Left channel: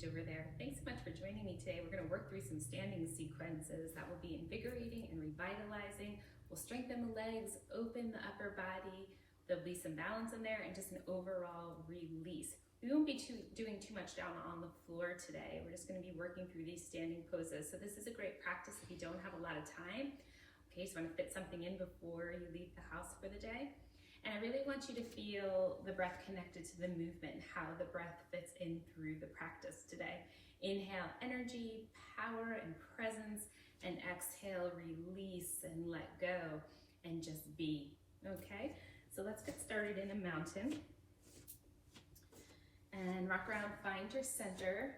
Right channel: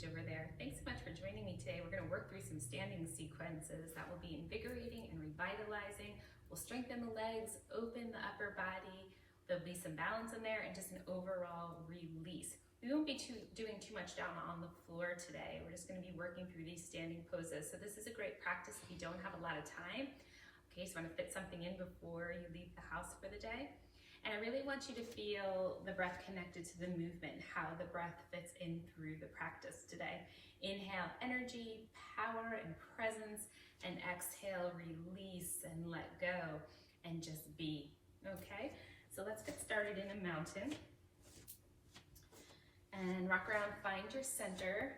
page over there. Thanks so much for joining me today. We're going to work through some standing sequences that will be invigorating and revitalizing. We'll strengthen the legs, open the upper body. There'll be some balance in there and just an overall release. We won't be doing too much down on the floor today. We're just going to be working through these standing poses. So this is a great practice if you don't have a lot of time. Okay, so you want to fit something in before you leave the house for the day. And I really want you to feel the breath connected to the movement, how the breath fits in through the practice today. Inhale, energy, power, and presence, and exhale, release and let go, and just be, okay? So let's get started in a mountain. And rock around, find your center,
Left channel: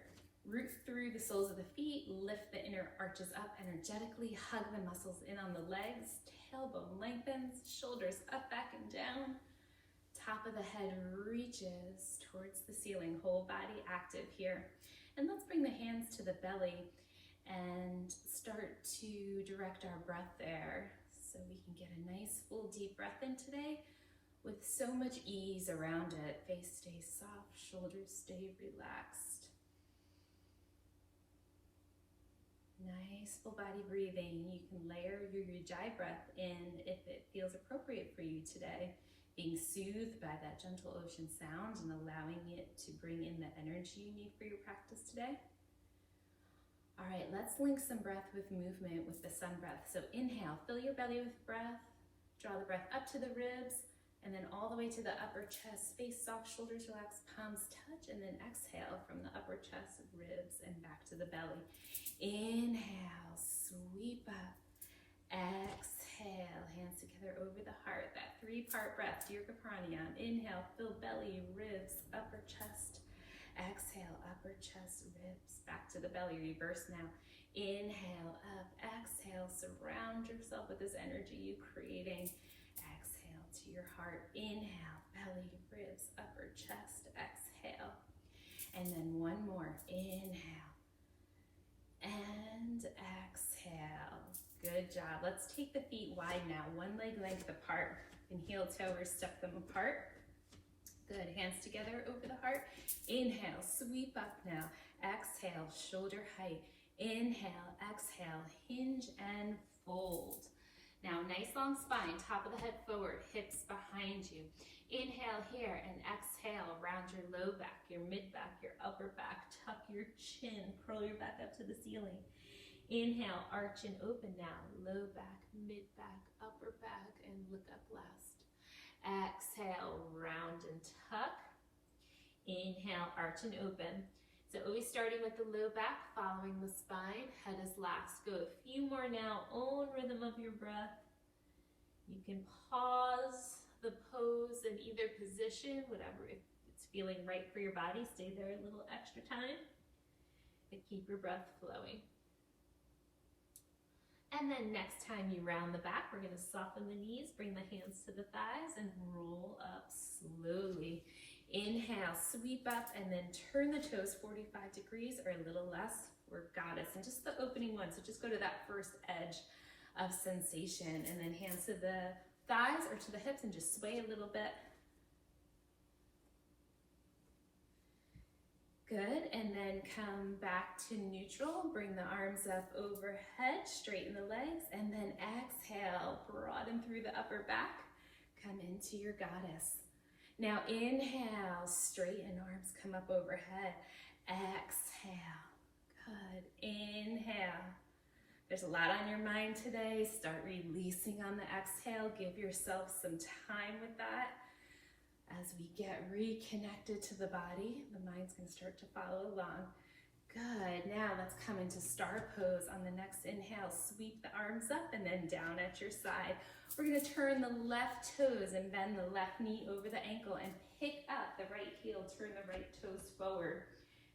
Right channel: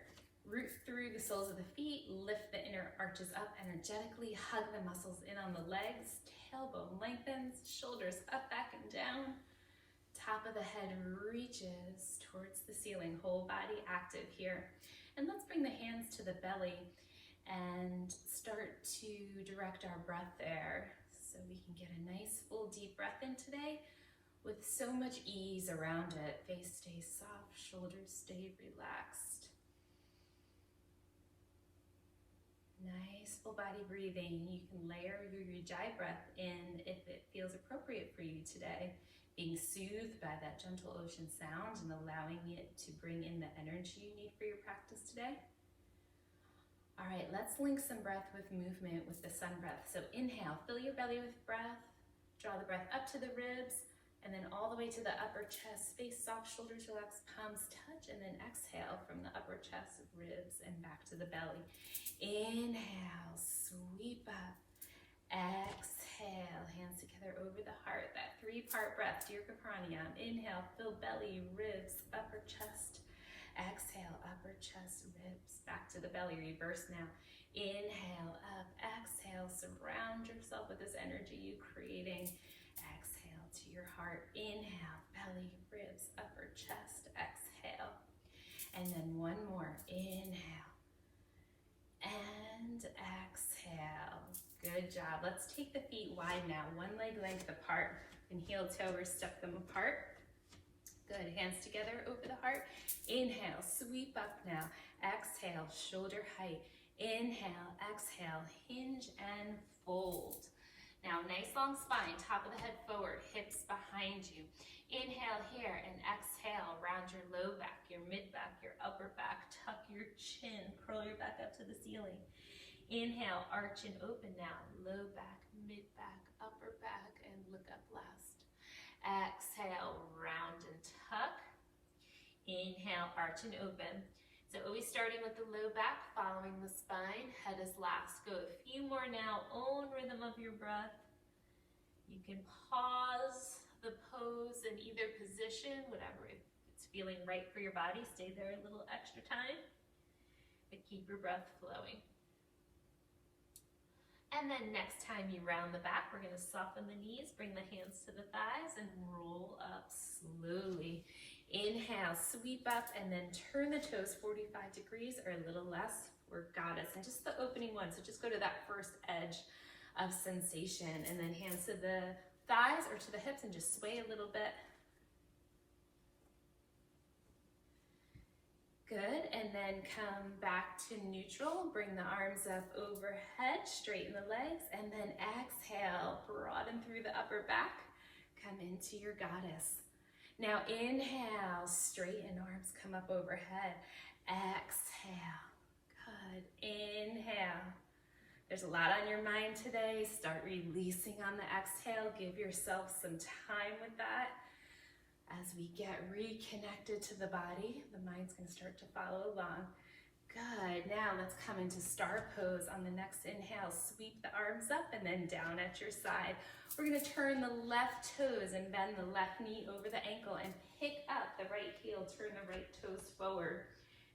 root through the soles of the feet, lift the inner arches up, energetically hug the muscles in on the legs, tailbone lengthens, shoulders up, back, and down. Top of the head reaches towards the ceiling, whole body active here. And let's bring the hands to the belly and start to direct our breath there so we can get a nice full deep breath in today with so much ease around it. Face stays soft, shoulders stay relaxed. Nice full body breathing. You can layer your ujjayi breath in if it feels appropriate for you today, being soothed by that gentle ocean sound and allowing it to bring in the energy you need for your practice today. All right, let's link some breath with movement with the sun breath. So inhale, fill your belly with breath, draw the breath up to the ribs, and then all the way to the upper chest, face soft, shoulders relaxed, palms touch, and then exhale from the upper chest, ribs, and back to the belly. Inhale, sweep up. Exhale, hands together over the heart. That three-part breath, Dirga Pranayama. Inhale, fill belly, ribs, upper chest. Exhale, upper chest, ribs, back to the belly. Reverse now. Inhale, up, exhale, surround yourself with this energy you're creating. Exhale to your heart. Inhale, belly, ribs, upper chest, exhale. And then one more. Inhale. And exhale. Good job. Let's take the feet wide now. One leg length apart and heel toe or step them apart. Good. Hands together over the heart. Inhale, sweep up now. Exhale, shoulder height. Inhale, exhale, hinge and fold. Now, nice long spine, top of the head forward, hips behind you. Inhale here and exhale, round your low back, your mid back, your upper back, tuck your chin, curl your back up to the ceiling. Inhale, arch and open now, low back, mid back, upper back, and look up last. Exhale, round and tuck. Inhale, arch and open. So always starting with the low back, following the spine, head is last. Go a few more now, own rhythm of your breath. You can pause the pose in either position, whatever, if it's feeling right for your body, stay there a little extra time, but keep your breath flowing. And then next time you round the back, we're gonna soften the knees, bring the hands to the thighs, and roll up slowly. Inhale, sweep up, and then turn the toes 45 degrees or a little less for goddess. And just the opening one, so just go to that first edge of sensation, and then hands to the thighs or to the hips and just sway a little bit. Good, and then come back to neutral. Bring the arms up overhead, straighten the legs, and then exhale, broaden through the upper back. Come into your goddess. Now inhale, straighten arms, come up overhead. Exhale, good, inhale. There's a lot on your mind today. Start releasing on the exhale. Give yourself some time with that. As we get reconnected to the body, the mind's gonna start to follow along. Good, now let's come into star pose. On the next inhale, sweep the arms up and then down at your side. We're gonna turn the left toes and bend the left knee over the ankle and pick up the right heel, turn the right toes forward.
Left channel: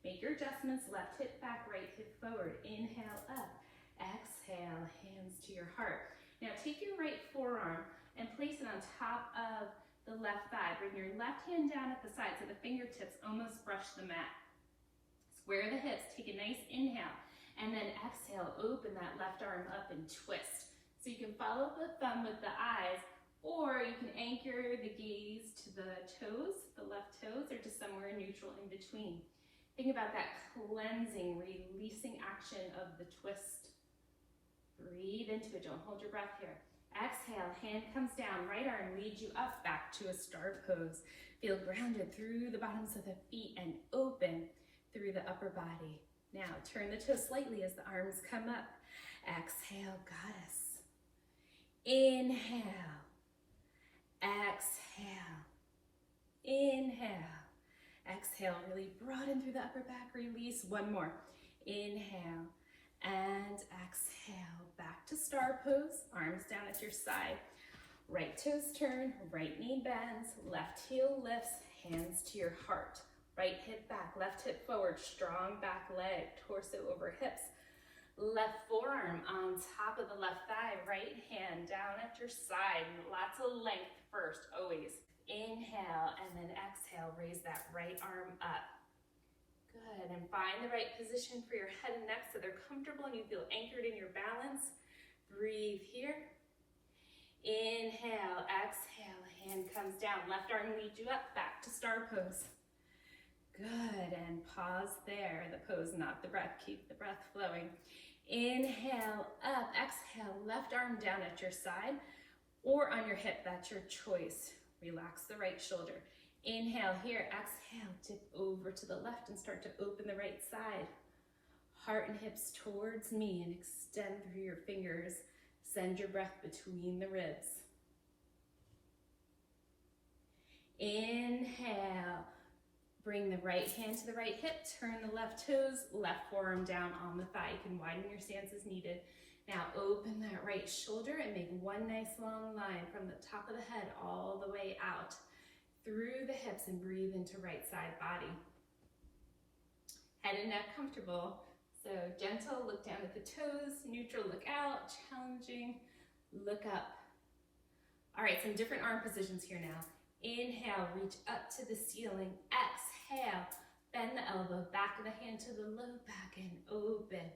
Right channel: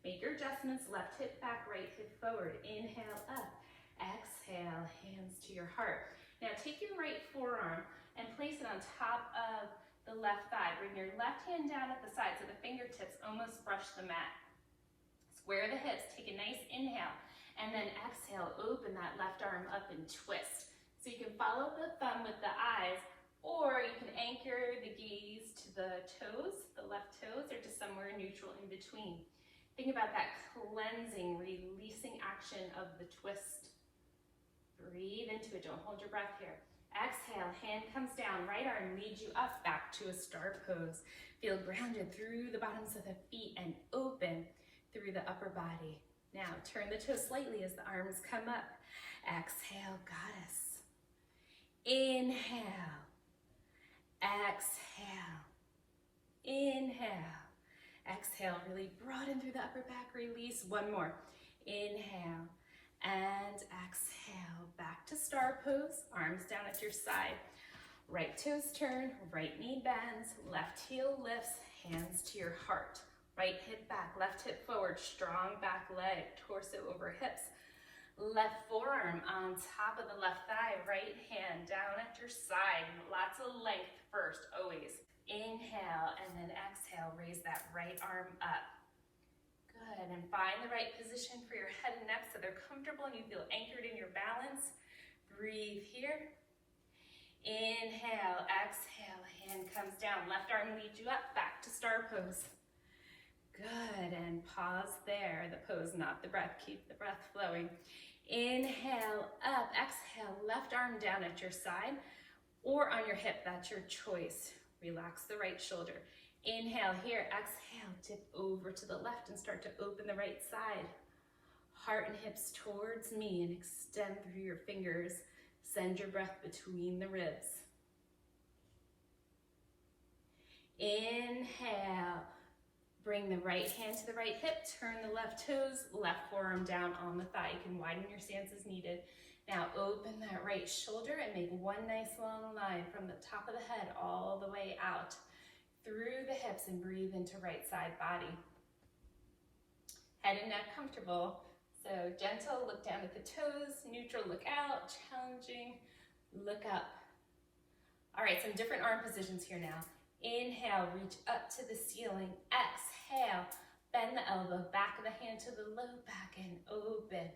Make your adjustments, left hip back, right hip forward. Inhale up. Exhale, hands to your heart. Now take your right forearm and place it on top of the left thigh. Bring your left hand down at the side so the fingertips almost brush the mat. Square the hips, take a nice inhale, and then exhale, open that left arm up and twist. So you can follow the thumb with the eyes, or you can anchor the gaze to the toes, the left toes, or to somewhere neutral in between. Think about that cleansing, releasing action of the twist. Breathe into it, don't hold your breath here. Exhale, hand comes down, right arm leads you up back to a star pose. Feel grounded through the bottoms of the feet and open through the upper body. Now turn the toes slightly as the arms come up. Exhale, goddess. Inhale. Exhale. Inhale. Exhale, really broaden through the upper back, release. One more. Inhale and exhale. Back to star pose, arms down at your side. Right toes turn, right knee bends, left heel lifts, hands to your heart. Right hip back, left hip forward, strong back leg, torso over hips. Left forearm on top of the left thigh, right hand down at your side. Lots of length first, always. Inhale and then exhale, raise that right arm up. Good, and find the right position for your head and neck so they're comfortable and you feel anchored in your balance. Breathe here. Inhale, exhale, hand comes down. Left arm leads you up, back to star pose. Good, and pause there. The pose, not the breath. Keep the breath flowing. Inhale, up, exhale, left arm down at your side or on your hip, that's your choice. Relax the right shoulder. Inhale here, exhale, tip over to the left and start to open the right side. Heart and hips towards me and extend through your fingers. Send your breath between the ribs. Inhale, bring the right hand to the right hip, turn the left toes, left forearm down on the thigh. You can widen your stance as needed. Now open that right shoulder and make one nice long line from the top of the head all the way out through the hips and breathe into right side body. Head and neck comfortable. So gentle, look down at the toes, neutral, look out, challenging, look up. All right, some different arm positions here now. Inhale, reach up to the ceiling. Exhale, bend the elbow, back of the hand to the low back and open.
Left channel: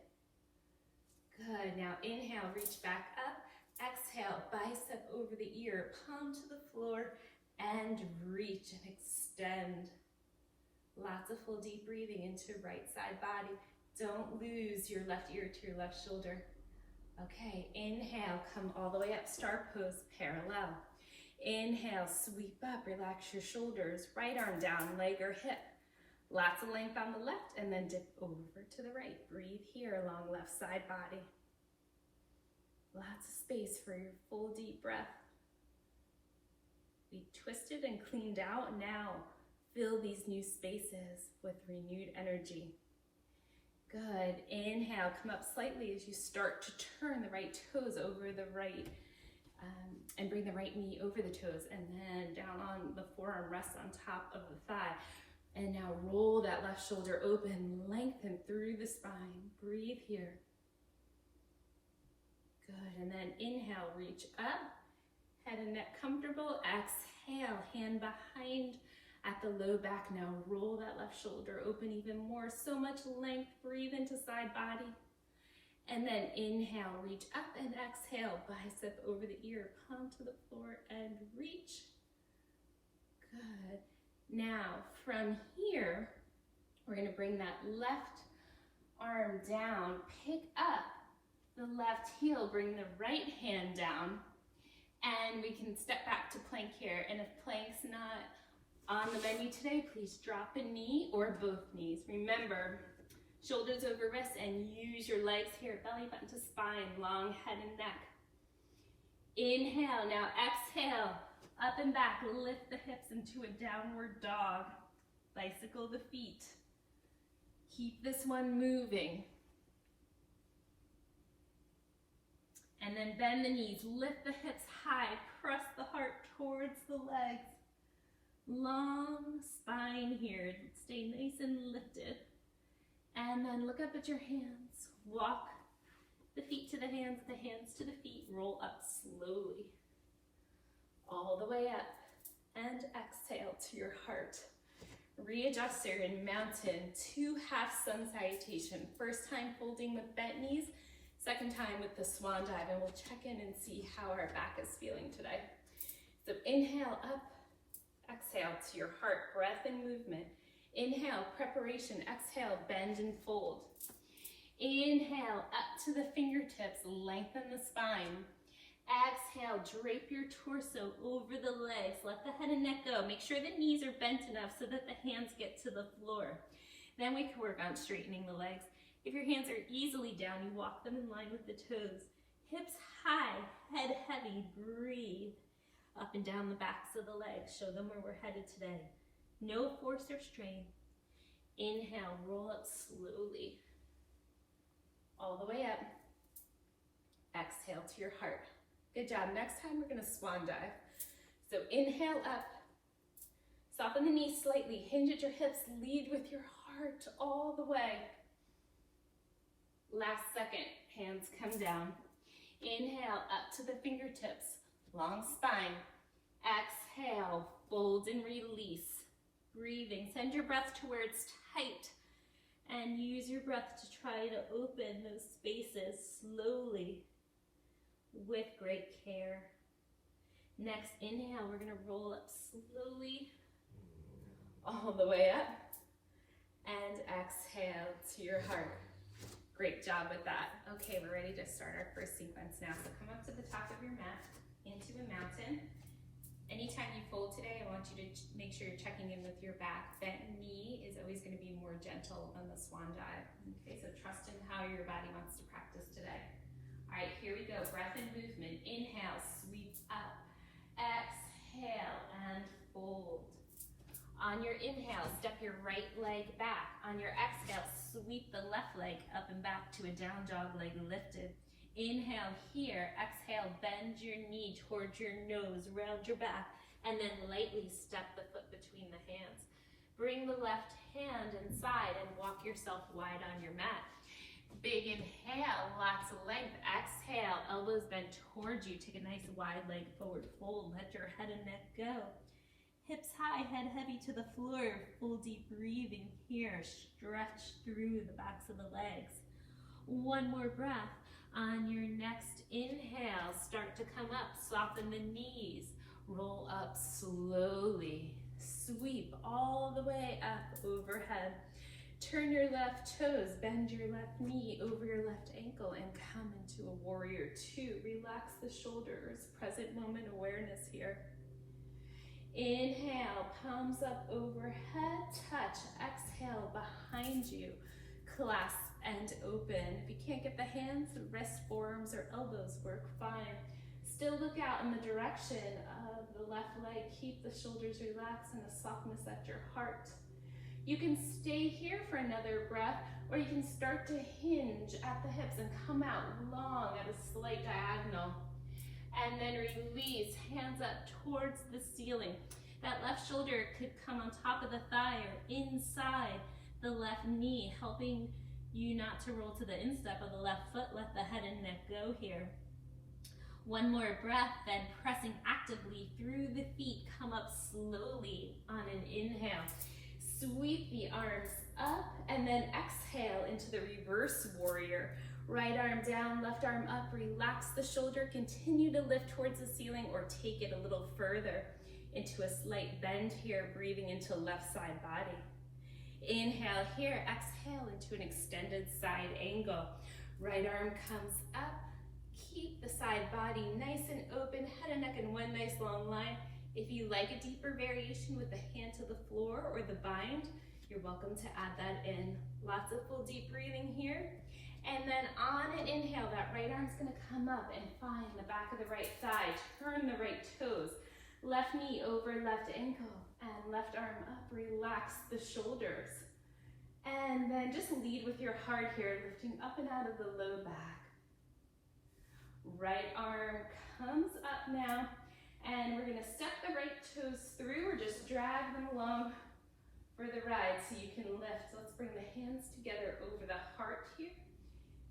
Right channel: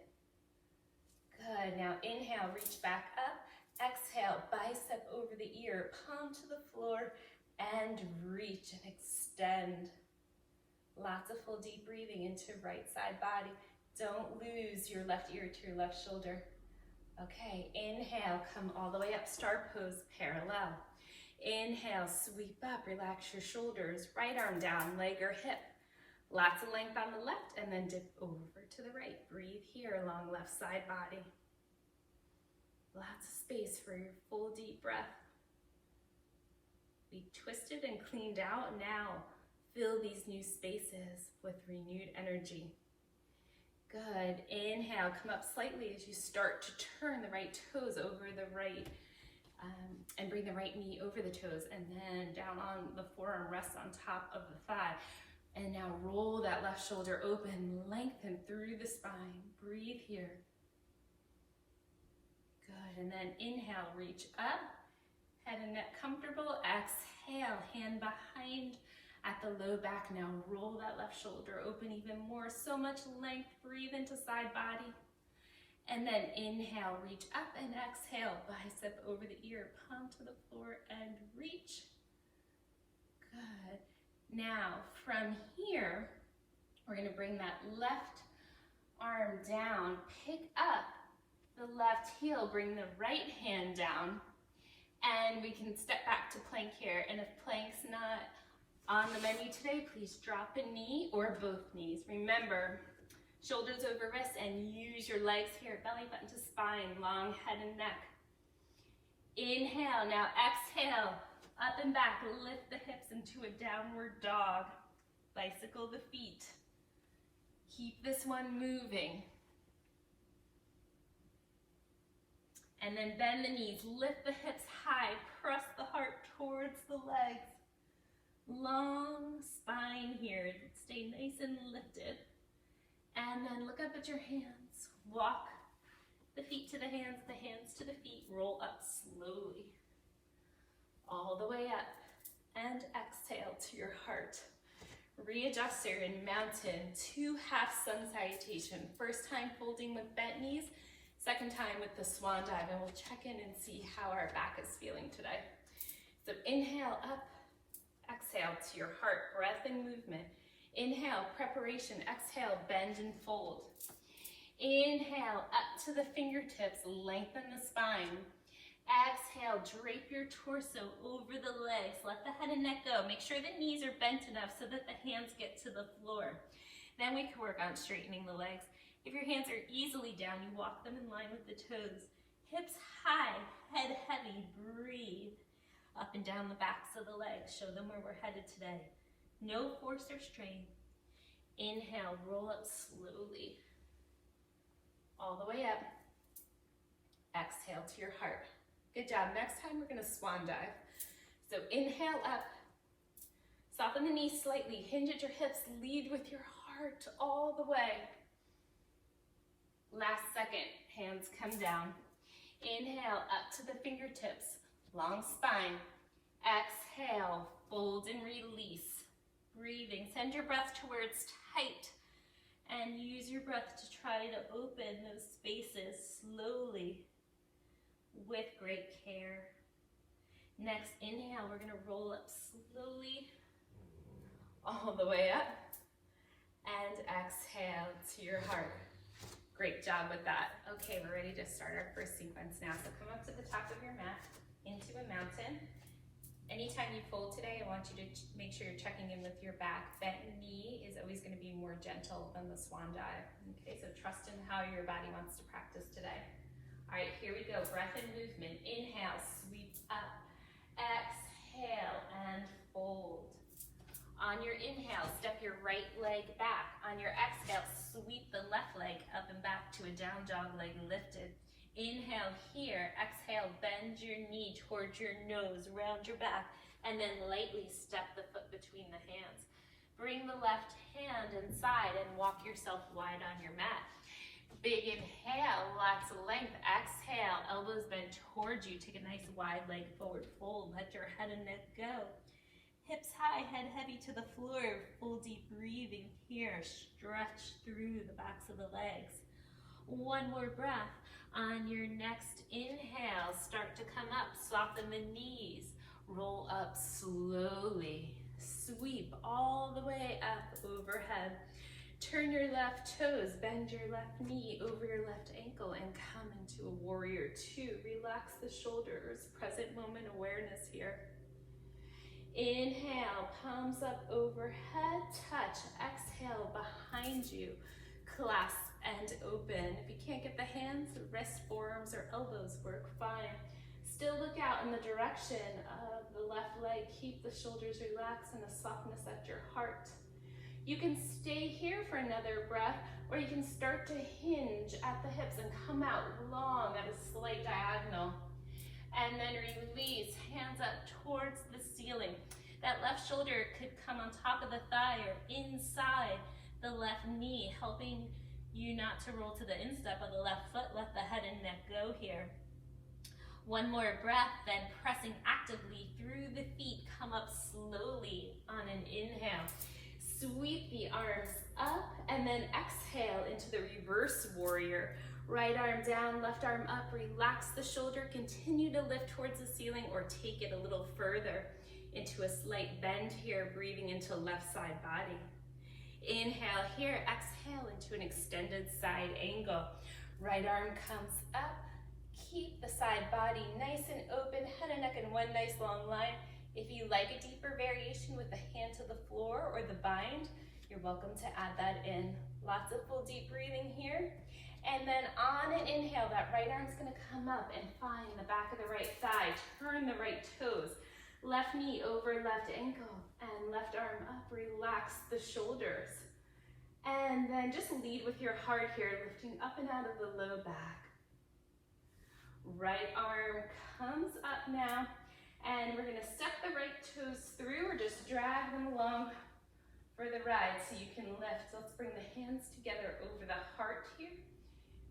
Good, now inhale, reach back up. Exhale, bicep over the ear, palm to the floor, and reach and extend. Lots of full deep breathing into right side body. Don't lose your left ear to your left shoulder. Okay, inhale, come all the way up, star pose, parallel. Inhale, sweep up, relax your shoulders, right arm down, leg or hip. Lots of length on the left, and then dip over to the right. Breathe here along left side body. Lots of space for your full deep breath. Be twisted and cleaned out. Now, fill these new spaces with renewed energy. Good. Inhale, come up slightly as you start to turn the right toes over the right, and bring the right knee over the toes, and then down on the forearm, rest on top of the thigh. And now roll that left shoulder open, lengthen through the spine. Breathe here. Good, and then inhale, reach up, head and neck comfortable. Exhale, hand behind at the low back. Now roll that left shoulder open even more. So much length, breathe into side body. And then inhale, reach up, and exhale, bicep over the ear, palm to the floor and reach. Good. Now, from here, we're going to bring that left arm down, pick up the left heel, bring the right hand down, and we can step back to plank here. And if plank's not on the menu today, please drop a knee or both knees. Remember, shoulders over wrists, and use your legs here, belly button to spine, long head and neck. Inhale, now exhale. Up and back, lift the hips into a downward dog. Bicycle the feet. Keep this one moving. And then bend the knees, lift the hips high, press the heart towards the legs. Long spine here, stay nice and lifted. And then look up at your hands. Walk the feet to the hands to the feet, roll up slowly. All the way up, and exhale to your heart. Readjuster in mountain, 2 half sun salutation. First time folding with bent knees, second time with the swan dive, and we'll check in and see how our back is feeling today. So inhale up, exhale to your heart, breath and movement. Inhale, preparation. Exhale, bend and fold. Inhale, up to the fingertips, lengthen the spine. Exhale, drape your torso over the legs. Let the head and neck go. Make sure the knees are bent enough so that the hands get to the floor. Then we can work on straightening the legs. If your hands are easily down, you walk them in line with the toes. Hips high, head heavy, breathe. Up and down the backs of the legs. Show them where we're headed today. No force or strain. Inhale, roll up slowly. All the way up. Exhale to your heart. Good job. Next time we're gonna swan dive. So inhale up. Soften the knees slightly. Hinge at your hips. Lead with your heart all the way. Last second, hands come down. Inhale up to the fingertips. Long spine. Exhale, fold and release. Breathing, send your breath to where it's tight and use your breath to try to open those spaces slowly with great care. Next, inhale, we're gonna roll up slowly all the way up and exhale to your heart. Great job with that. Okay, we're ready to start our first sequence now. So come up to the top of your mat into a mountain. Anytime you fold today, I want you to make sure you're checking in with your back. Bent knee is always going to be more gentle than the swan dive. Okay, so trust in how your body wants to practice today. All right, here we go. Breath and movement. Inhale, sweep up. Exhale and fold. On your inhale, step your right leg back. On your exhale, sweep the left leg up and back to a down dog, leg lifted. Inhale here, exhale, bend your knee towards your nose, round your back, and then lightly step the foot between the hands. Bring the left hand inside and walk yourself wide on your mat. Big inhale, lots of length. Exhale, elbows bent towards you. Take a nice wide leg forward fold. Let your head and neck go. Hips high, head heavy to the floor. Full deep breathing here. Stretch through the backs of the legs. One more breath. On your next inhale, start to come up, soften the knees, roll up slowly, sweep all the way up overhead. Turn your left toes, bend your left knee over your left ankle and come into a warrior two. Relax the shoulders, present moment awareness here. Inhale, palms up overhead, touch, exhale behind you, clasp and open. If you can't get the hands, wrists, forearms, or elbows work fine. Still look out in the direction of the left leg. Keep the shoulders relaxed and the softness at your heart. You can stay here for another breath, or you can start to hinge at the hips and come out long at a slight diagonal. And then release, hands up towards the ceiling. That left shoulder could come on top of the thigh or inside the left knee, helping you not to roll to the instep of the left foot. Let the head and neck go here. One more breath, then pressing actively through the feet, come up slowly on an inhale. Sweep the arms up and then exhale into the reverse warrior. Right arm down, left arm up, relax the shoulder, continue to lift towards the ceiling or take it a little further into a slight bend here, breathing into left side body. Inhale here, exhale into an extended side angle. Right arm comes up, keep the side body nice and open, head and neck in one nice long line. If you like a deeper variation with the hand to the floor or the bind, you're welcome to add that in. Lots of full deep breathing here. And then on an inhale, that right arm's gonna come up and find the back of the right thigh. Turn the right toes. Left knee over left ankle and left arm up. Relax the shoulders. And then just lead with your heart here, lifting up and out of the low back. Right arm comes up now, and we're gonna step the right toes through or just drag them along for the ride so you can lift. So let's bring the hands together over the heart here.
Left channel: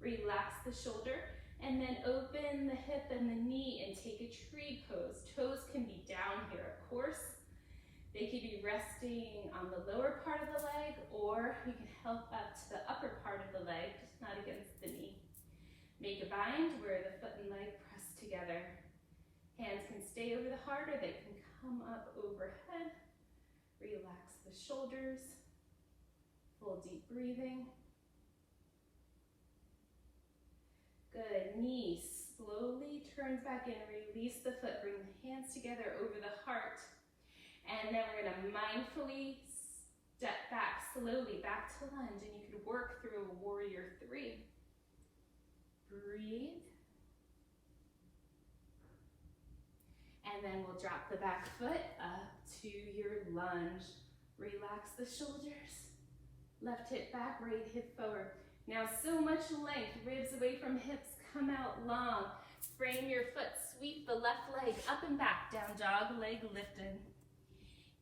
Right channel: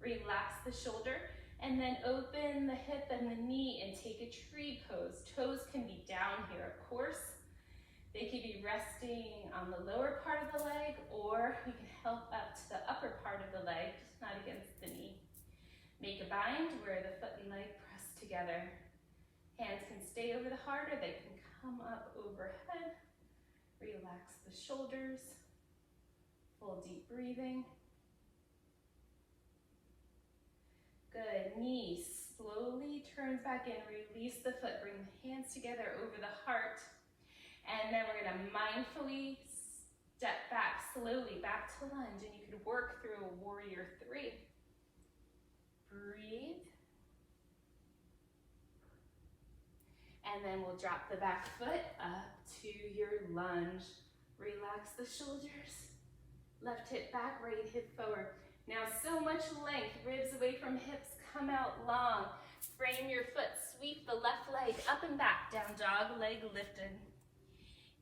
Relax the shoulder, and then open the hip and the knee and take a tree pose. Toes can be down here, of course. They could be resting on the lower part of the leg, or we can help up to the upper part of the leg, just not against the knee. Make a bind where the foot and leg press together. Hands can stay over the heart, or they can come up overhead. Relax the shoulders. Full deep breathing. Good. Knee slowly turns back in. Release the foot. Bring the hands together over the heart. And then we're going to mindfully step back slowly, back to lunge. And you could work through a warrior three. Breathe. And then we'll drop the back foot up to your lunge. Relax the shoulders. Left hip back, right hip forward. Now so much length, ribs away from hips, come out long. Frame your foot, sweep the left leg up and back, down dog, leg lifted.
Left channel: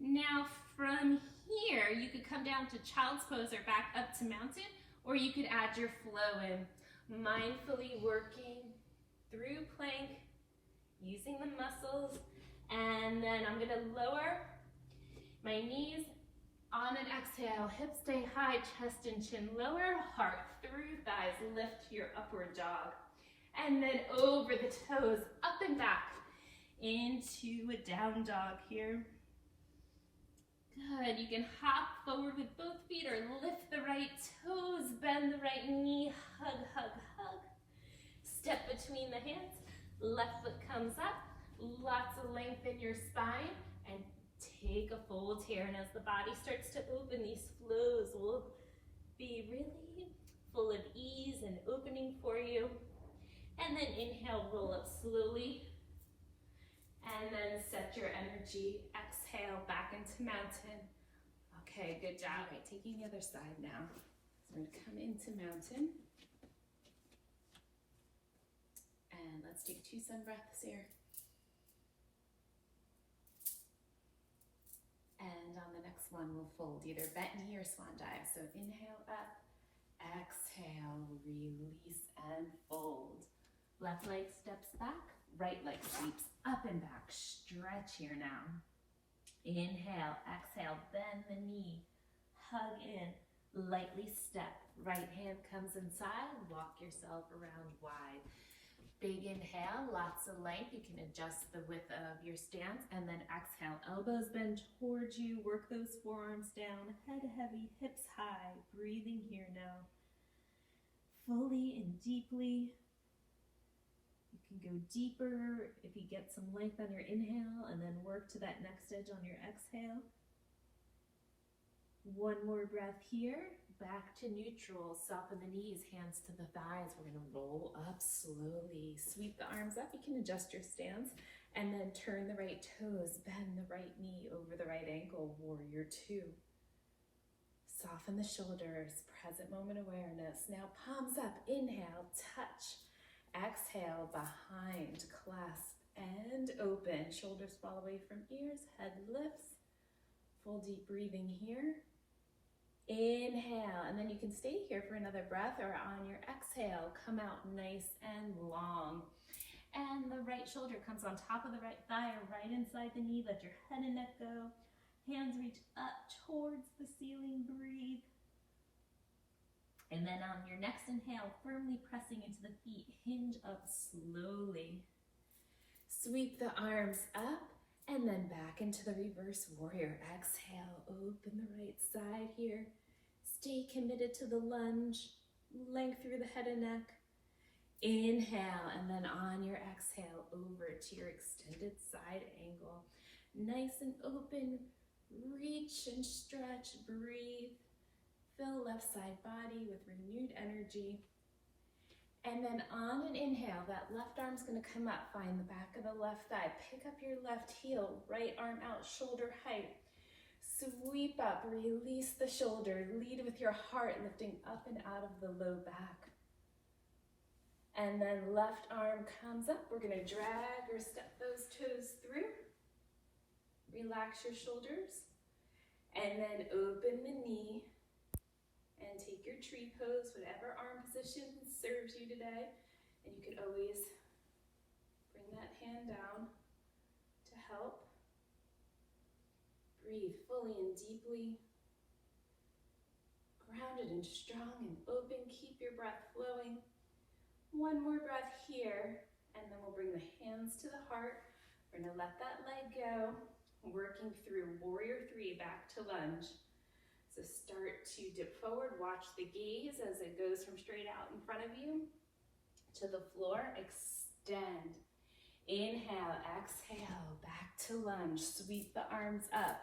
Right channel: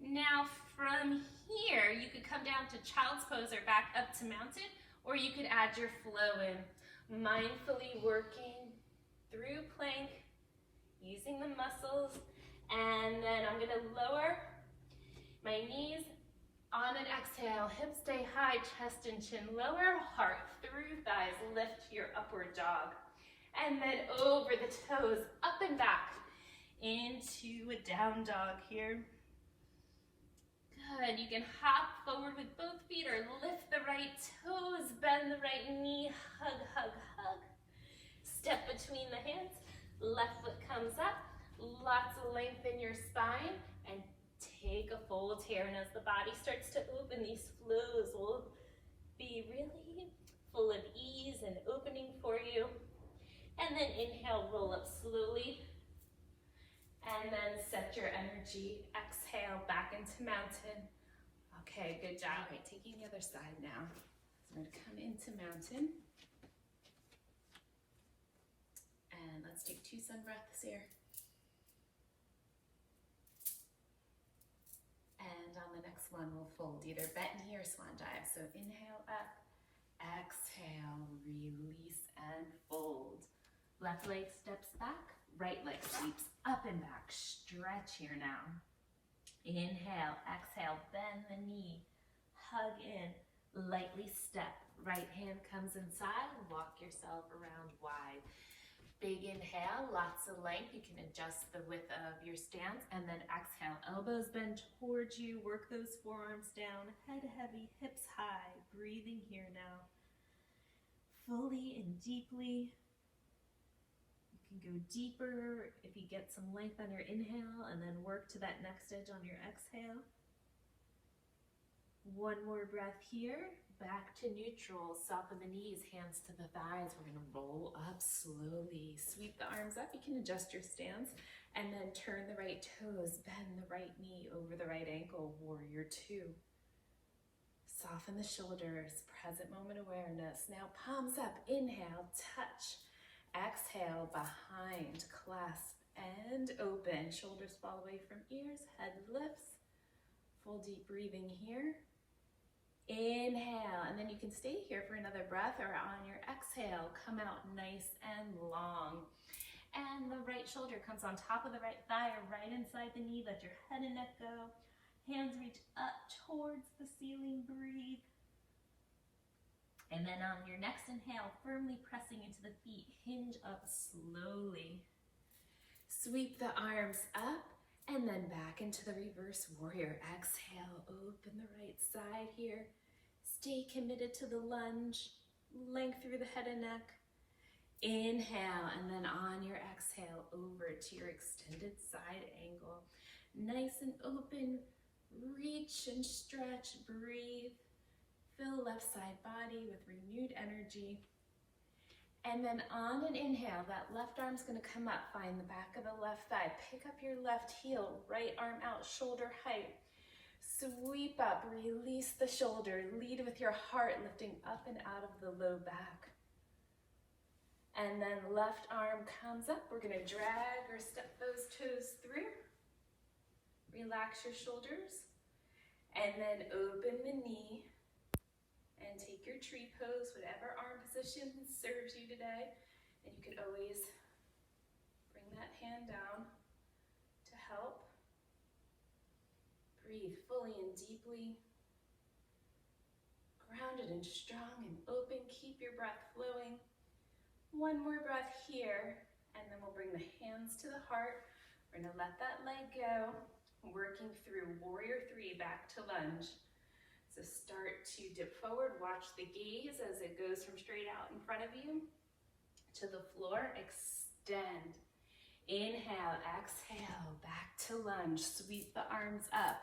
Now from here, you could come down to child's pose or back up to mountain, or you could add your flow in. Mindfully working through plank, using the muscles, and then I'm gonna lower my knees on an exhale, hips stay high, chest and chin lower, heart through thighs, lift your upward dog. And then over the toes, up and back, into a down dog here. Good, you can hop forward with both feet or lift the right toes, bend the right knee, hug, hug, hug. Step between the hands, left foot comes up, lots of length in your spine, and take a fold here. And as the body starts to open, these flows will be really full of ease and opening for you. And then inhale, roll up slowly. And then set your energy. Exhale, back into mountain. Okay, good job. All right, taking the other side now. So we're gonna come into mountain. And let's take 2 sun breaths here. And on the next one, we'll fold either bent knee or swan dive. So inhale up, exhale, release and fold. Left leg steps back, right leg sweeps up and back. Stretch here now. Inhale, exhale, bend the knee, hug in, lightly step. Right hand comes inside, walk yourself around wide. Big inhale, lots of length. You can adjust the width of your stance, and then exhale, elbows bend towards you, work those forearms down, head heavy, hips high, breathing here now. Fully and deeply. You can go deeper if you get some length on your inhale, and then work to that next edge on your exhale. One more breath here. Back to neutral, soften the knees, hands to the thighs. We're gonna roll up slowly. Sweep the arms up, you can adjust your stance, and then turn the right toes, bend the right knee over the right ankle, warrior two. Soften the shoulders, present moment awareness. Now palms up, inhale, touch. Exhale, behind, clasp, and open. Shoulders fall away from ears, head lifts. Full deep breathing here. Inhale, and then you can stay here for another breath, or on your exhale, come out nice and long. And the right shoulder comes on top of the right thigh or right inside the knee. Let your head and neck go. Hands reach up towards the ceiling, breathe. And then on your next inhale, firmly pressing into the feet, hinge up slowly. Sweep the arms up. And then back into the reverse warrior. Exhale, open the right side here. Stay committed to the lunge. Length through the head and neck. Inhale, and then on your exhale, over to your extended side angle. Nice and open. Reach and stretch, breathe. Fill left side body with renewed energy. And then on an inhale, that left arm's gonna come up, find the back of the left thigh, pick up your left heel, right arm out, shoulder height. Sweep up, release the shoulder, lead with your heart, lifting up and out of the low back. And then left arm comes up, we're gonna drag or step those toes through. Relax your shoulders, and then open the knee. And take your tree pose, whatever arm position serves you today. And you could always bring that hand down to help. Breathe fully and deeply. Grounded and strong and open. Keep your breath flowing. One more breath here, and then we'll bring the hands to the heart. We're gonna let that leg go. Working through warrior three, back to lunge. So start to dip forward, watch the gaze as it goes from straight out in front of you to the floor. Extend. Inhale, exhale, back to lunge. Sweep the arms up.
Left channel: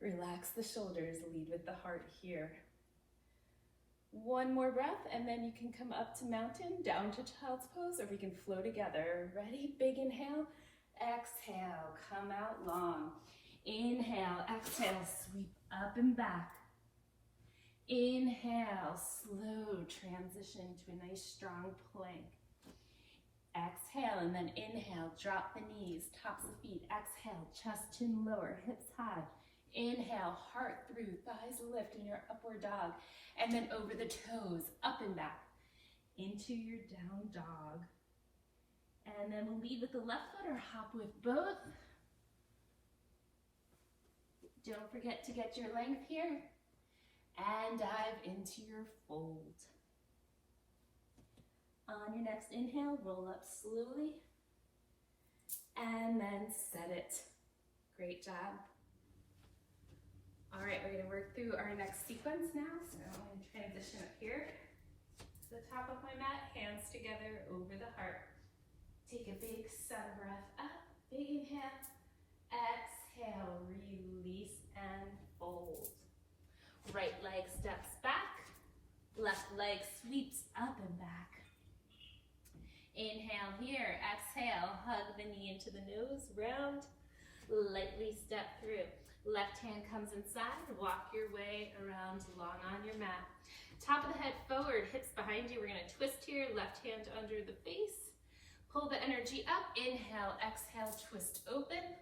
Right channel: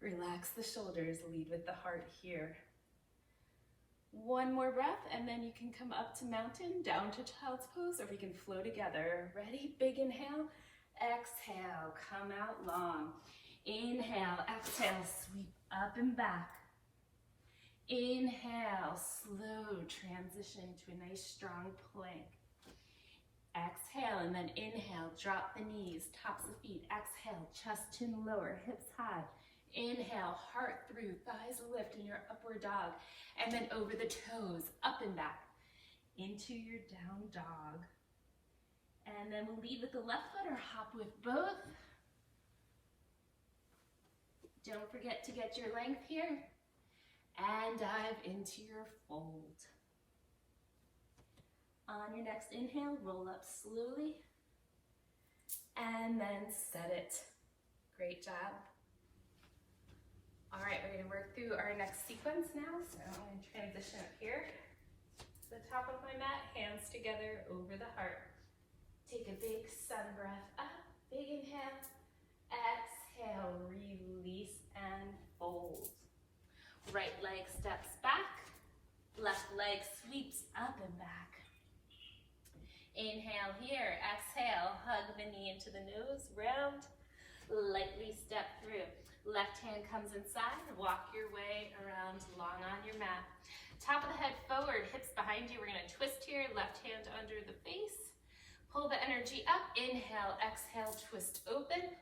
Relax the shoulders, lead with the heart here. One more breath, and then you can come up to mountain, down to child's pose, or we can flow together. Ready? Big inhale. Exhale, come out long. Inhale, exhale, sweep up and back. Inhale, slow transition to a nice strong plank. Exhale, and then inhale, drop the knees, tops of feet. Exhale, chest, chin lower, hips high. Inhale, heart through, thighs lift in your upward dog. And then over the toes, up and back into your down dog. And then we'll lead with the left foot or hop with both. Don't forget to get your length here. And dive into your fold. On your next inhale, roll up slowly. And then set it. Great job. All right, we're gonna work through our next sequence now. So I'm gonna transition up here to the top of my mat, hands together over the heart. Take a big sun breath up, big inhale, exhale, release and fold. Right leg steps back, left leg sweeps up and back. Inhale here, exhale, hug the knee into the nose, round, lightly step through. Left hand comes inside, walk your way around long on your mat. Top of the head forward, hips behind you. We're gonna twist here, left hand under the face. Pull the energy up, inhale, exhale, twist open.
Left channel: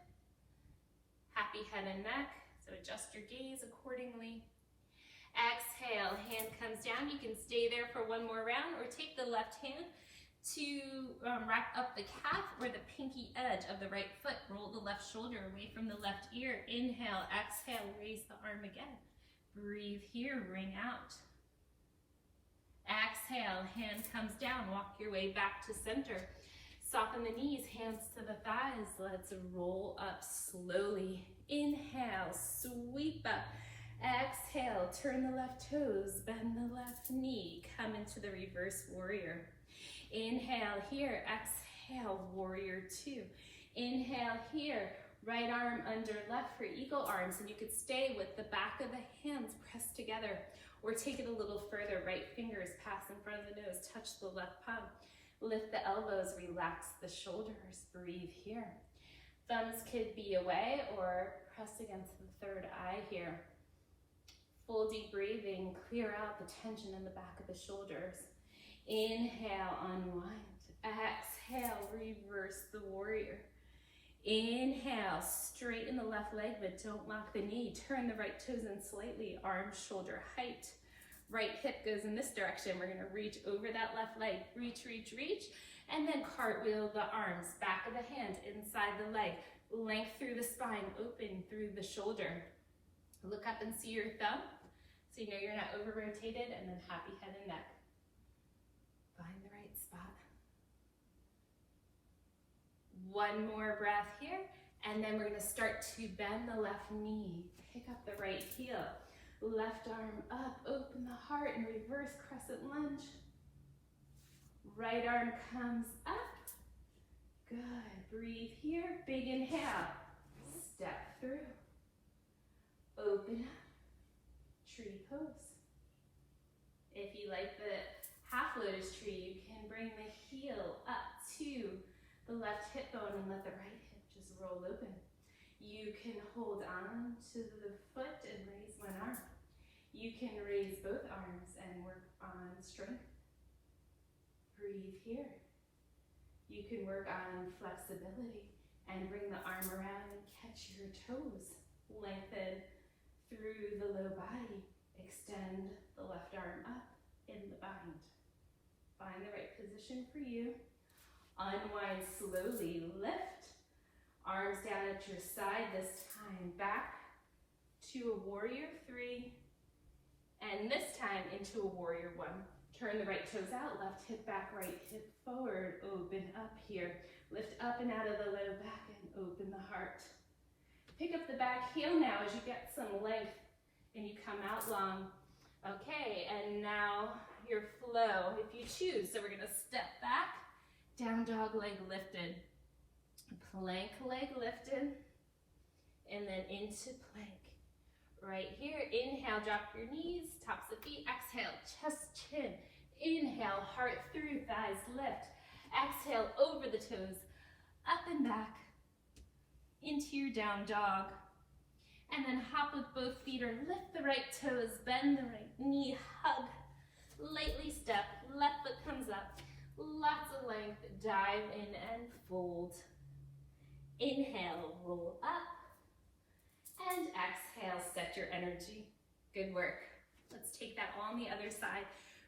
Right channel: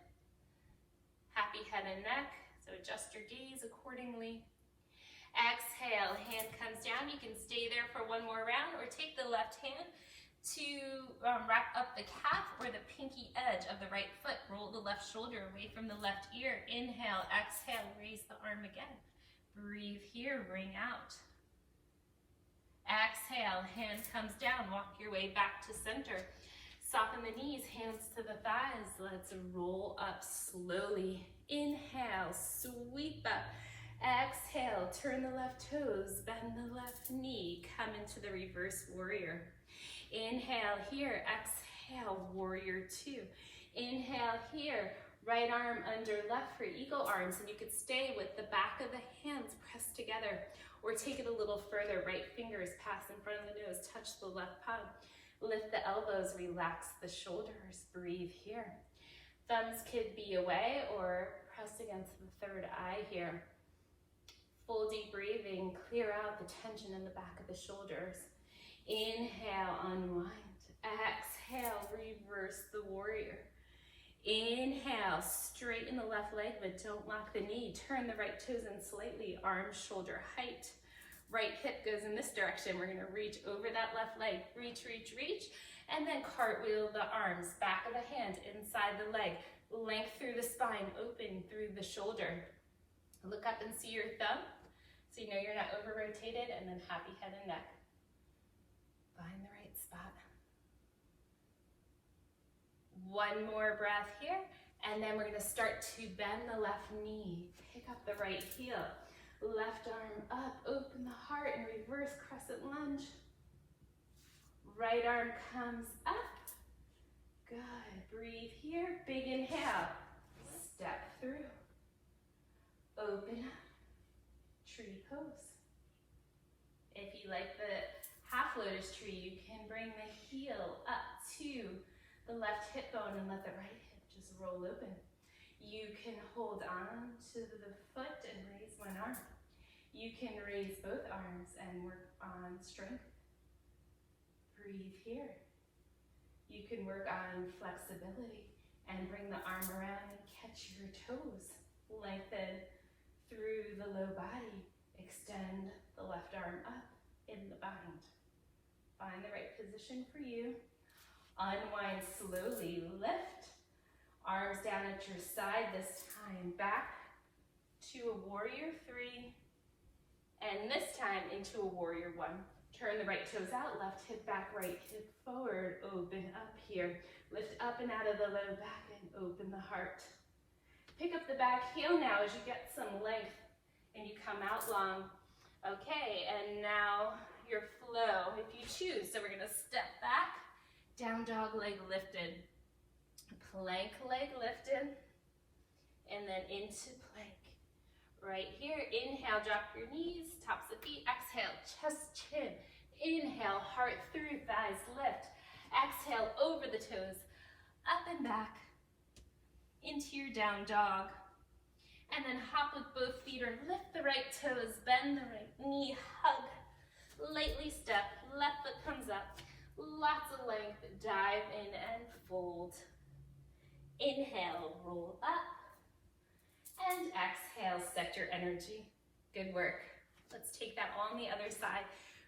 Happy head and neck, so adjust your gaze accordingly. Exhale, hand comes down. You can stay there for one more round or take the left hand to wrap up the calf or the pinky edge of the right foot. Roll the left shoulder away from the left ear. Inhale, exhale, raise the arm again. Breathe here, bring out. Exhale, hand comes down, walk your way back to center. Soften the knees, hands to the thighs. Let's roll up slowly. Inhale, sweep up. Exhale, turn the left toes, bend the left knee. Come into the reverse warrior. Inhale here, exhale, warrior two. Inhale here, right arm under left for eagle arms, and you could stay with the back of the hands pressed together, or take it a little further, right fingers pass in front of the nose, touch the left palm. Lift the elbows, relax the shoulders, breathe here. Thumbs could be away or press against the third eye here. Full deep breathing, clear out the tension in the back of the shoulders. Inhale, unwind. Exhale, reverse the warrior. Inhale, straighten the left leg, but don't lock the knee. Turn the right toes in slightly, arms shoulder height. Right hip goes in this direction. We're gonna reach over that left leg. Reach, reach, reach. And then cartwheel the arms, back of the hand, inside the leg. Length through the spine, open through the shoulder. Look up and see your thumb, so you know you're not over-rotated, and then happy head and neck. Find the right spot. One more breath here, and then we're gonna start to bend the left knee. Pick up the right heel. Left arm up, open the heart, and reverse crescent lunge. Right arm comes up. Good, breathe here. Big inhale, step through. Open up, tree pose. If you like the half lotus tree, you can bring the heel up to the left hip bone and let the right hip just roll open. You can hold on to the foot and raise one arm. You can raise both arms and work on strength. Breathe here. You can work on flexibility and bring the arm around and catch your toes. Lengthen through the low body. Extend the left arm up in the bind. Find the right position for you. Unwind slowly, lift. Arms down at your side, this time back to a warrior three. And this time into a warrior one. Turn the right toes out, left hip back, right hip forward. Open up here. Lift up and out of the low back and open the heart. Pick up the back heel now as you get some length and you come out long. Okay, and now your flow, if you choose. So we're gonna step back, down dog, leg lifted, plank, leg lifted, and then into plank. Right here, inhale, drop your knees, tops of feet, exhale, chest, chin. Inhale, heart through, thighs lift. Exhale, over the toes, up and back, into your down dog. And then hop with both feet or lift the right toes, bend the right knee, hug, lightly step, left foot comes up. Lots of length, dive in and fold. Inhale, roll up. And exhale, set your energy. Good work. Let's take that on the other side.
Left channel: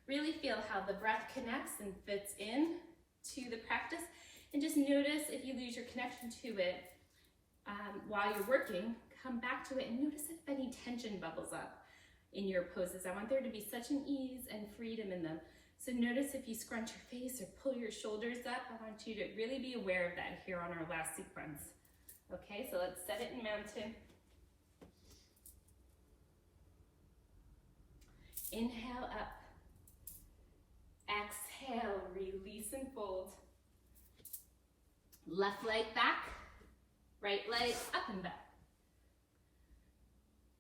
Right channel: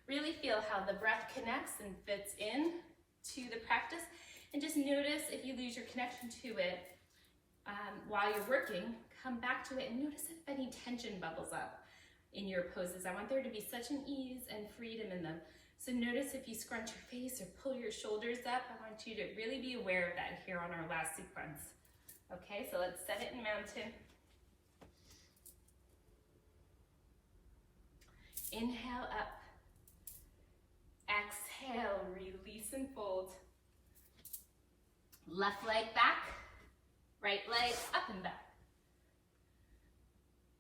Really feel how the breath connects and fits in to the practice. And just notice if you lose your connection to it while you're working, come back to it and notice if any tension bubbles up in your poses. I want there to be such an ease and freedom in them. So notice if you scrunch your face or pull your shoulders up. I want you to really be aware of that here on our last sequence. Okay, so let's set it in mountain. Inhale up. Exhale, release and fold. Left leg back, right leg up and back.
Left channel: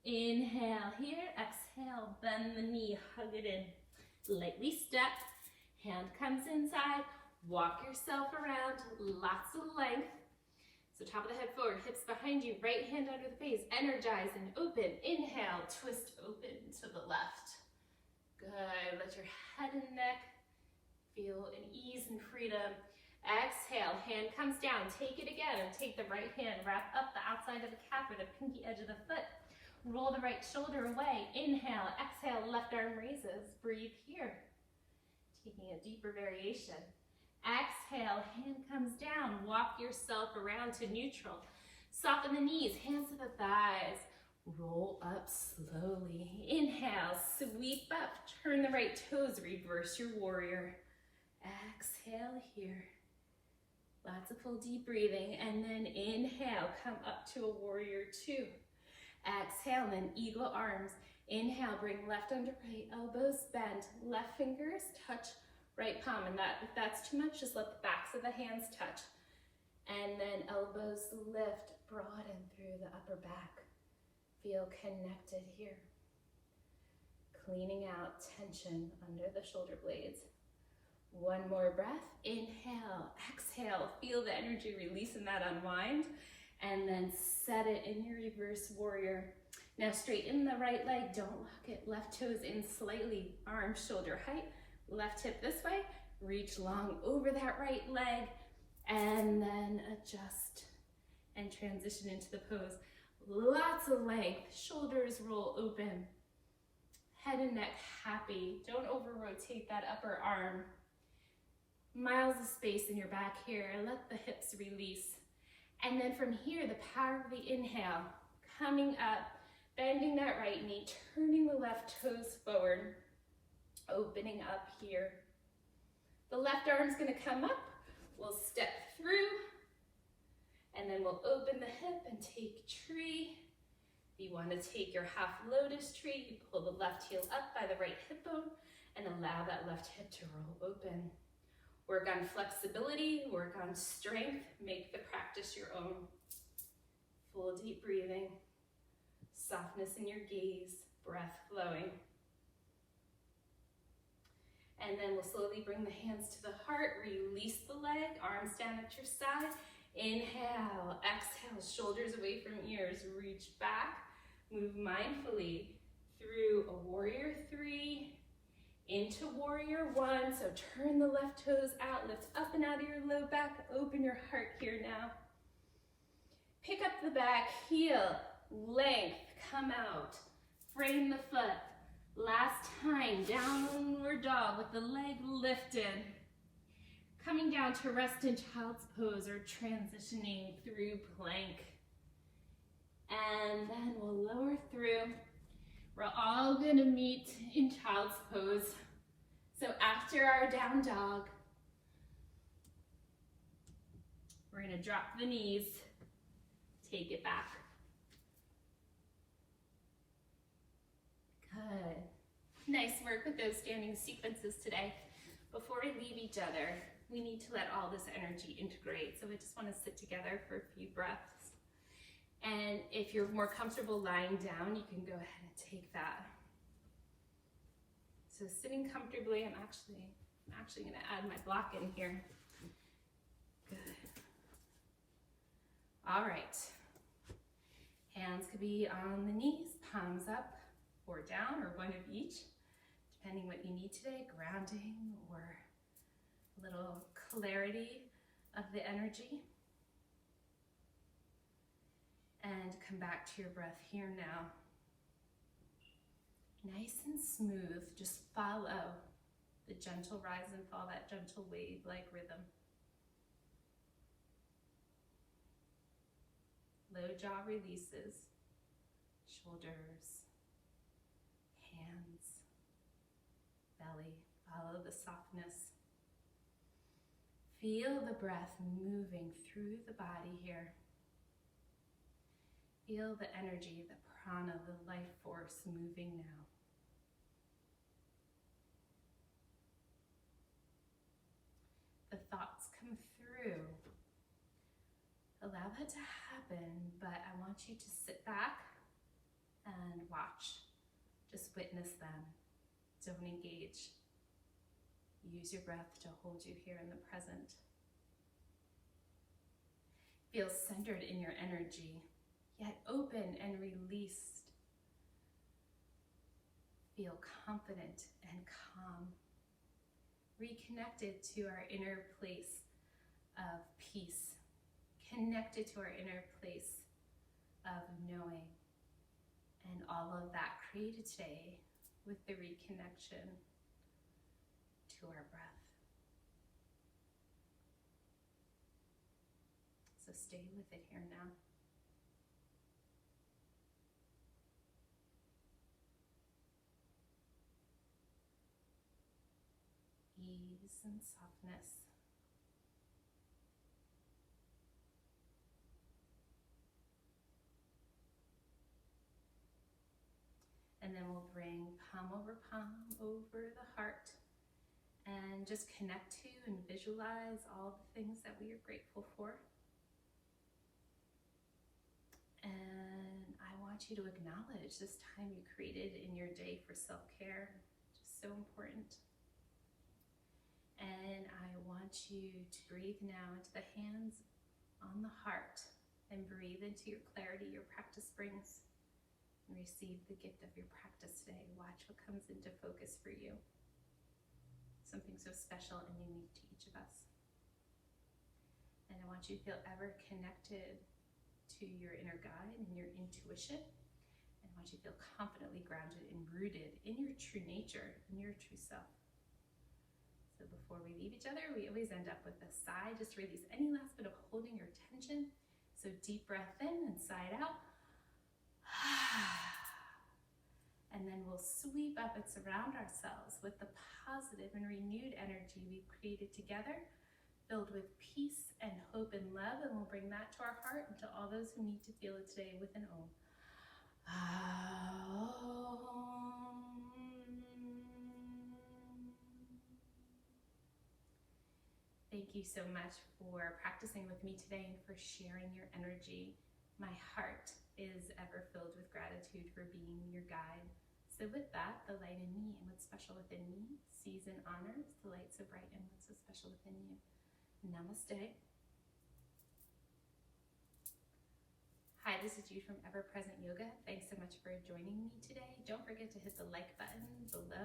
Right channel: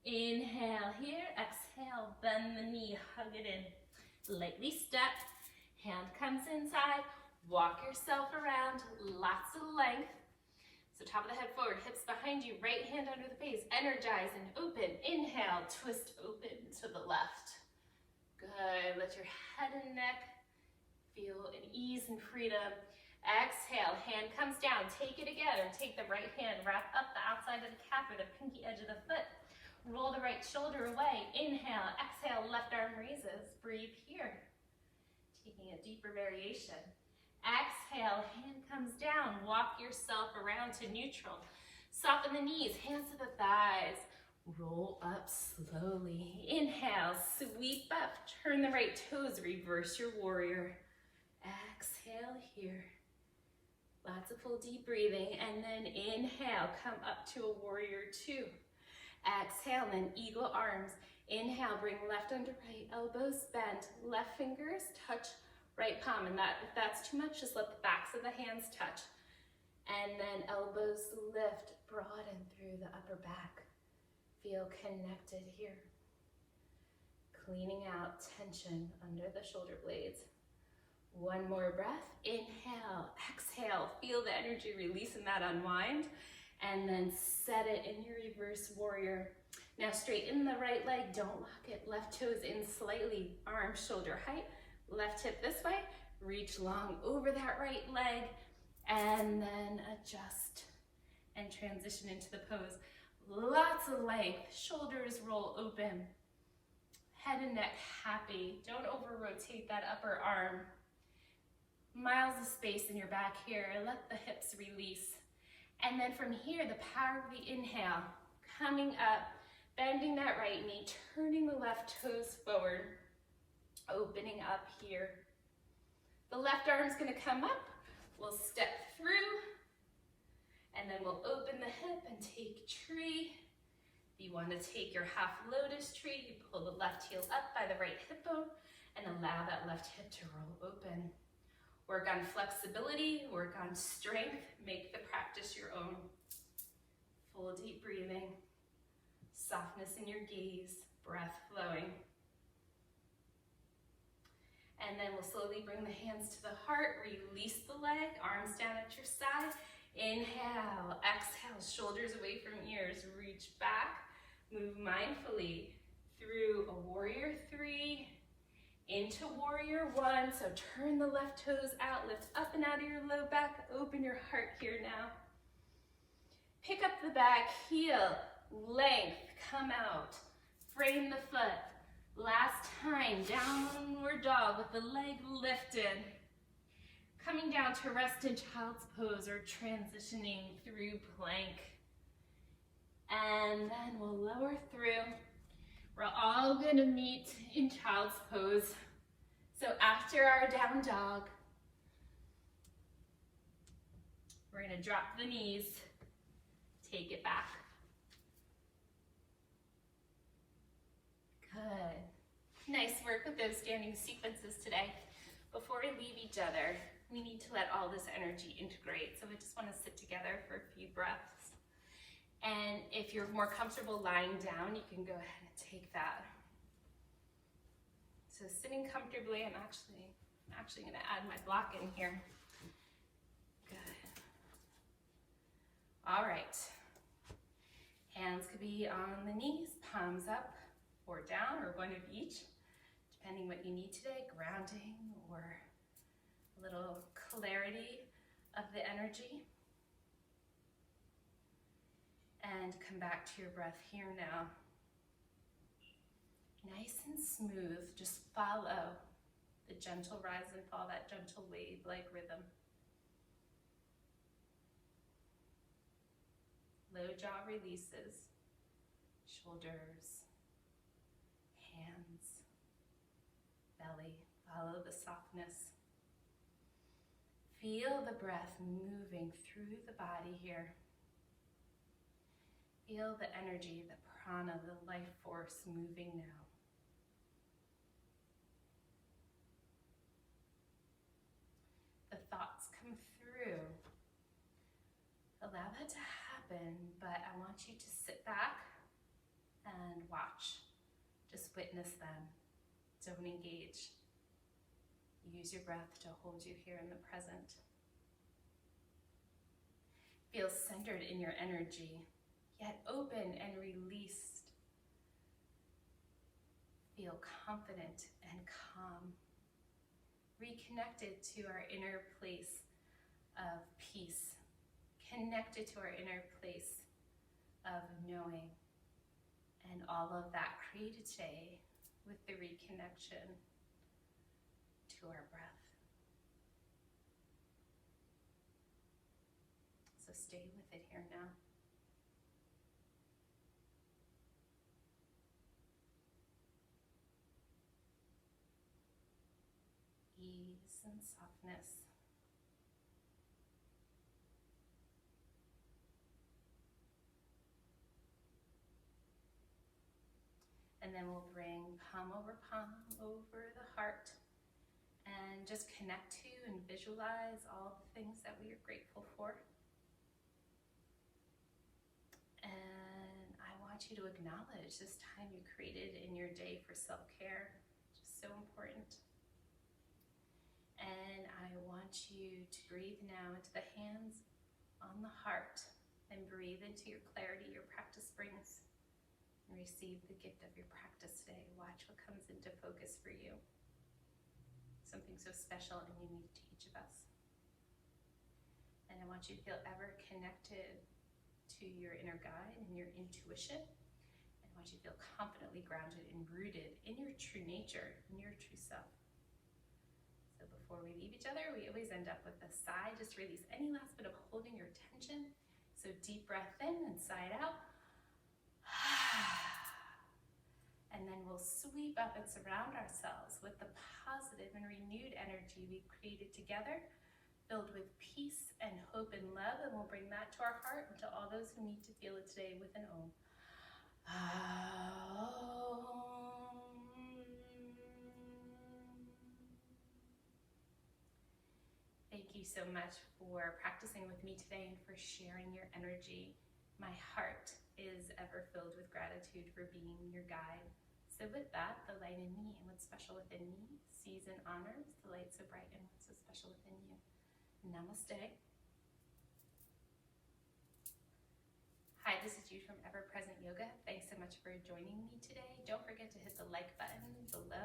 Inhale here, exhale, bend the knee, hug it in. Lightly step, hand comes inside, walk yourself around, lots of length. So top of the head forward, hips behind you, right hand under the face, energize and open. Inhale, twist open to the left. Good, let your head and neck feel an ease and freedom. Exhale, hand comes down, take it again, or take the right hand, wrap up the outside of the calf or the pinky edge of the foot. Roll the right shoulder away. Inhale, exhale, left arm raises. Breathe here. Taking a deeper variation. Exhale, hand comes down. Walk yourself around to neutral. Soften the knees, hands to the thighs. Roll up slowly. Inhale, sweep up. Turn the right toes, reverse your warrior. Exhale here. Lots of full deep breathing. And then inhale, come up to a warrior two. Exhale, then eagle arms. Inhale, bring left under right, elbows bend, left fingers touch right palm. And if that's too much, just let the backs of the hands touch. And then elbows lift, broaden through the upper back. Feel connected here. Cleaning out tension under the shoulder blades. One more breath. Inhale, exhale. Feel the energy release in that unwind. And then set it in your reverse warrior. Now straighten the right leg, don't lock it. Left toes in slightly, arm shoulder height. Left hip this way, reach long over that right leg. And then adjust and transition into the pose. Lots of length, shoulders roll open. Head and neck happy. Don't over rotate that upper arm. Miles of space in your back here. Let the hips release. And then from here, the power of the inhale, coming up, bending that right knee, turning the left toes forward, opening up here. The left arm's gonna come up, we'll step through, and then we'll open the hip and take tree. If you wanna take your half lotus tree, you pull the left heel up by the right hip bone and allow that left hip to roll open. Work on flexibility, work on strength, make the practice your own. Full deep breathing, softness in your gaze, breath flowing. And then we'll slowly bring the hands to the heart, release the leg, arms down at your side. Inhale, exhale, shoulders away from ears, reach back, move mindfully through a warrior three, into warrior one. So turn the left toes out, lift up and out of your low back, open your heart here now. Pick up the back heel, length, come out, frame the foot. Last time, downward dog with the leg lifted. Coming down to rest in child's pose or transitioning through plank. And then we'll lower through. We're all gonna meet in child's pose. So after our down dog, we're gonna drop the knees, take it back. Good. Nice work with those standing sequences today. Before we leave each other, we need to let all this energy integrate. So we just want to sit together for a few breaths. And if you're more comfortable lying down, you can go ahead and take that. So sitting comfortably, I'm actually going to add my block in here. Good. All right. Hands could be on the knees, palms up or down, or one of each, depending what you need today, grounding or a little clarity of the energy. And come back to your breath here now. Nice and smooth, just follow the gentle rise and fall, that gentle wave-like rhythm. Low jaw releases, shoulders, hands, belly, follow the softness. Feel the breath moving through the body here. Feel the energy, the prana, the life force moving now. The thoughts come through. Allow that to happen, but I want you to sit back and watch. Just witness them. Don't engage. Use your breath to hold you here in the present. Feel centered in your energy, yet open and released. Feel confident and calm. Reconnected to our inner place of peace. Connected to our inner place of knowing. And all of that created today with the reconnection to our breath. So stay with it here now. Ease and softness. And then we'll bring palm over the heart and just connect to and visualize all the things that we are grateful for. And I want you to acknowledge this time you created in your day for self-care, which is so important. And I want you to breathe now into the hands on the heart and breathe into your clarity your practice brings. And receive the gift of your practice today. Watch what comes into focus for you. Something so special and unique to each of us. And I want you to feel ever connected to your inner guide and your intuition. And I want you to feel confidently grounded and rooted in your true nature, in your true self. So before we leave each other, we always end up with a sigh. Just release any last bit of holding your tension. So deep breath in and sigh it out. And then we'll sweep up and surround ourselves with the positive and renewed energy we've created together, filled with peace and hope and love, and we'll bring that to our heart and to all those who need to feel it today with an Om. Thank you so much for practicing with me today and for sharing your energy. My heart is ever filled with gratitude for being your guide. So with that, the light in me and what's special within me sees and honors the light so bright and what's so special within you. Namaste. Hi, this is Jude from Ever Present Yoga. Thanks so much for joining me today. Don't forget to hit the like button below